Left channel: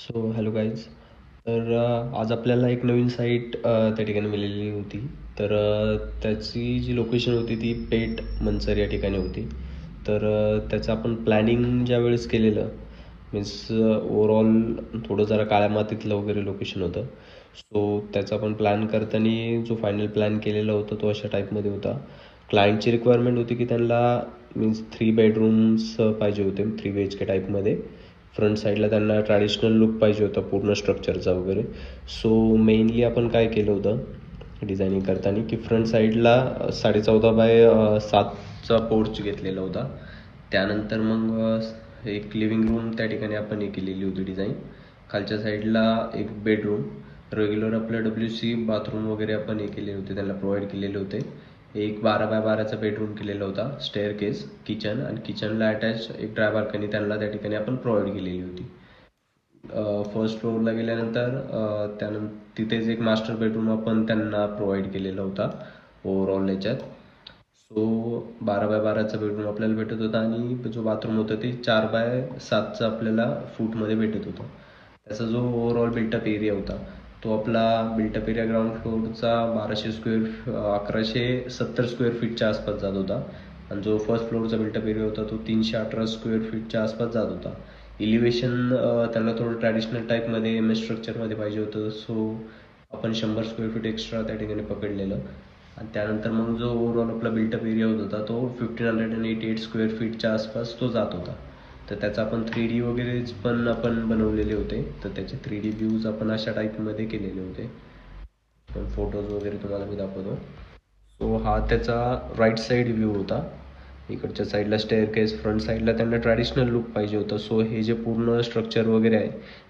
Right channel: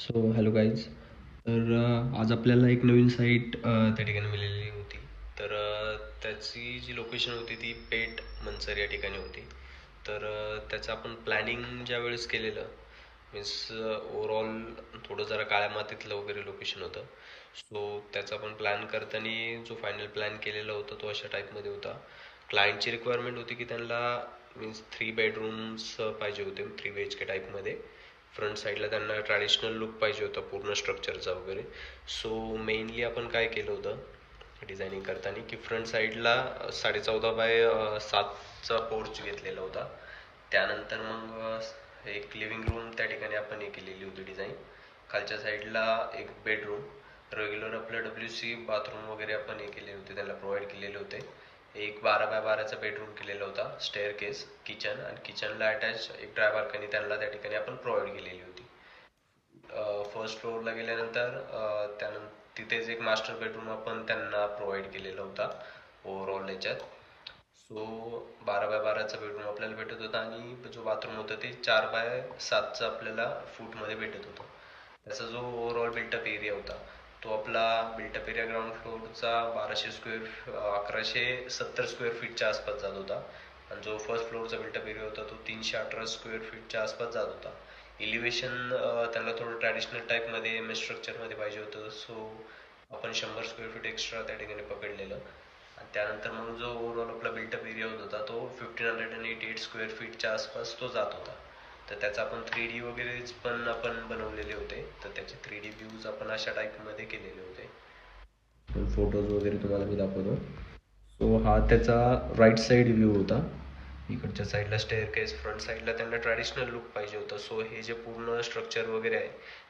So hello guys. तर आज आपल्याला एक नवीन साईट त्या ठिकाणी मिळालेली होती. तर त्याची जी लोकेशन होती ती पेठ मंचर या ठिकाणी होती. तर त्याचं आपण प्लॅनिंग ज्यावेळेस केलेलं मीन्स ओव्हरऑल थोडं जरा काळ्या मातीतलं वगैरे लोकेशन होतं. सो त्याचा आपण प्लॅन करताना जो फायनल प्लॅन केलेला होता तो अशा टाईपमध्ये होता. क्लायंटची रिक्वायरमेंट होती की त्यांना मीन्स 3 बेडरूम्स पाहिजे होते, 3 BHK टाईपमध्ये. फ्रंट साईडला त्यांना ट्रॅडिशनल लुक पाहिजे होता पूर्ण स्ट्रक्चरचा वगैरे. सो मेनली आपण काय केलं होतं डिझायनिंग करताना की फ्रंट साईडला 14.5 बाय 7चा पोर्च घेतलेला होता. त्यानंतर मग एक लिव्हिंग रूम त्या ठिकाणी आपण हे केलेली होती डिझाईन. खालच्या साईडला एक बेडरूम, रेग्युलर आपलं WC बाथरूम वगैरे आपण हे केलेले होते, त्यांना प्रोव्हाइड केलेले होते. एक 12 बाय 12चा बेडरूम केलेला होता, स्टेअर केस, किचन आणि किचनला अटॅच एक ड्राय बाल्कनी त्यांना त्या ठिकाणी आपण प्रोव्हाइड केलेली होती. फर्स्ट फ्लोअरला गेल्यानंतर तिथेच एक मास्टर बेडरूम आपण त्यांना प्रोव्हाइड केलेला होता ओव्हरऑल याच्यात. सो 12 बाय 12चा बेडरूम आपल्याला भेटत होता आणि जो बाथरूम होता ते 4 बाय 7चा आपल्याला फूटमध्ये भेटत होता. त्याचा जो ओव्हरऑल बिल्टअप एरिया होता तो आपला बिल्टअप एरिया ग्राउंड फ्लोअरचा 1170 स्क्वेअर फीटच्या आसपास जात होता आणि जो फर्स्ट फ्लोअरचा बिल्टअप एरिया होता तो 318 स्क्वेअर फीटच्या आसपास जात होता. इलिव्हेशन त्याला थोडं ट्रॅडिशनल टाईपमध्ये MS स्ट्रक्चरमध्ये पाहिजे होतं. सो आपण 100 स्क्वेअर फीट एक्स्ट्रा त्या ठिकाणी पकडलेलं. आणि त्यानंतर मग जो ओव्हरऑल आपला बिल्टअप एरिया होता तो 1588 स्क्वेअर फीटच्या आसपास तो जात होता. तर त्याचा आपण 3D वगैरे पण आपण बनवलेले होते. तर त्याचे 3D व्ह्यूज आपण अशा टाईपमध्ये केलेले होते. पण फोटोज वगैरे तुम्हाला मी दाखवतो. सो हा त्याचा राईट साईड व्ह्यू होता. इकडच्या साईडला स्टेअर केस, फ्रंट साईडला त्यांना ट्रॅडिशनल लुक पाहिजे होतं. सो हे जे पूर्ण स्ट्रक्चर वगैरे आहे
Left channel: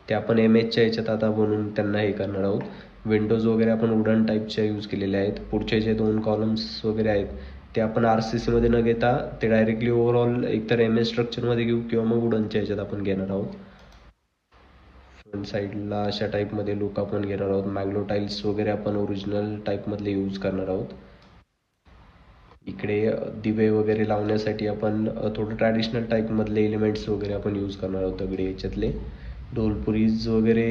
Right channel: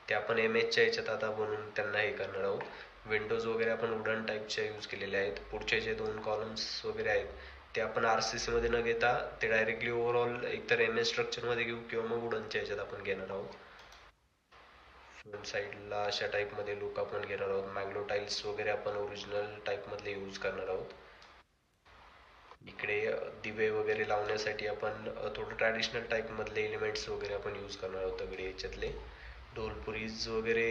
ते आपण MHच्या याच्यात आता बनवून त्यांना हे करणार आहोत. विंडोज वगैरे आपण वुडन टाईपच्या यूज केलेल्या आहेत. पुढचे जे 2 कॉलम्स वगैरे आहेत ते आपण RCC मध्ये न घेता ते डायरेक्टली ओव्हरऑल एकतर MS स्ट्रक्चरमध्ये घेऊ किंवा मग वुडनच्या याच्यात आपण घेणार आहोत. फ्रंट साईडला अशा टाईपमध्ये लुक आपण घेणार आहोत. मॅग्लो टाईल्स वगैरे आपण ओरिजिनल टाईपमधले यूज करणार आहोत. इकडे दिवे वगैरे लावण्यासाठी आपण थोडं ट्रॅडिशनल टाईपमधले एलिमेंट्स वगैरे आपण यूज करणार आहोत. दगडी याच्यातले ढोलपुरीज वगैरे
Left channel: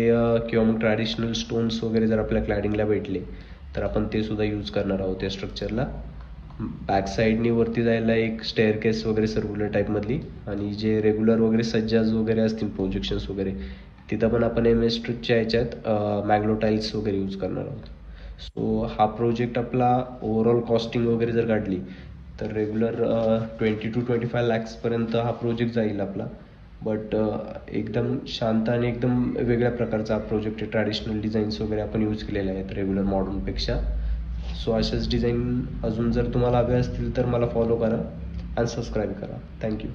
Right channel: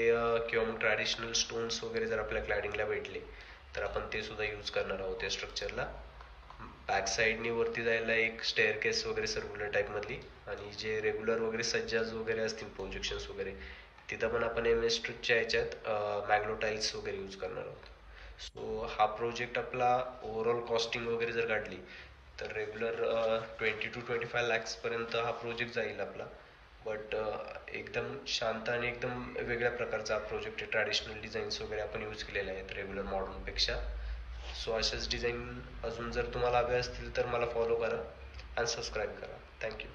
किंवा मग ट्रॅडिशनल स्टोन्स वगैरे जर आपल्या क्लॅडिंगला भेटले तर आपण ते सुद्धा यूज करणार आहोत या स्ट्रक्चरला. बॅक साईडनी वरती जायला एक स्टेअर केस वगैरे सर्क्युलर टाईपमधली आणि जे रेग्युलर वगैरे सज्जाज वगैरे असतील प्रोजेक्शन्स वगैरे तिथं पण आपण MS स्ट्रक्चरच्या याच्यात मॅग्लो टाईल्स वगैरे यूज करणार आहोत. सो हा प्रोजेक्ट आपला ओव्हरऑल कॉस्टिंग वगैरे जर काढली तर रेग्युलर 20 to 25 lakhsपर्यंत हा प्रोजेक्ट जाईल आपला. बट एकदम शांत आणि एकदम वेगळ्या प्रकारचा हा प्रोजेक्ट आहे. ट्रॅडिशनल डिझाईन्स वगैरे आपण यूज केलेले आहेत रेग्युलर मॉडर्नपेक्षा. सो अशाच डिझाईन अजून जर तुम्हाला हवे असतील तर मला फॉलो करा आणि सबस्क्राईब करा. थँक्यू.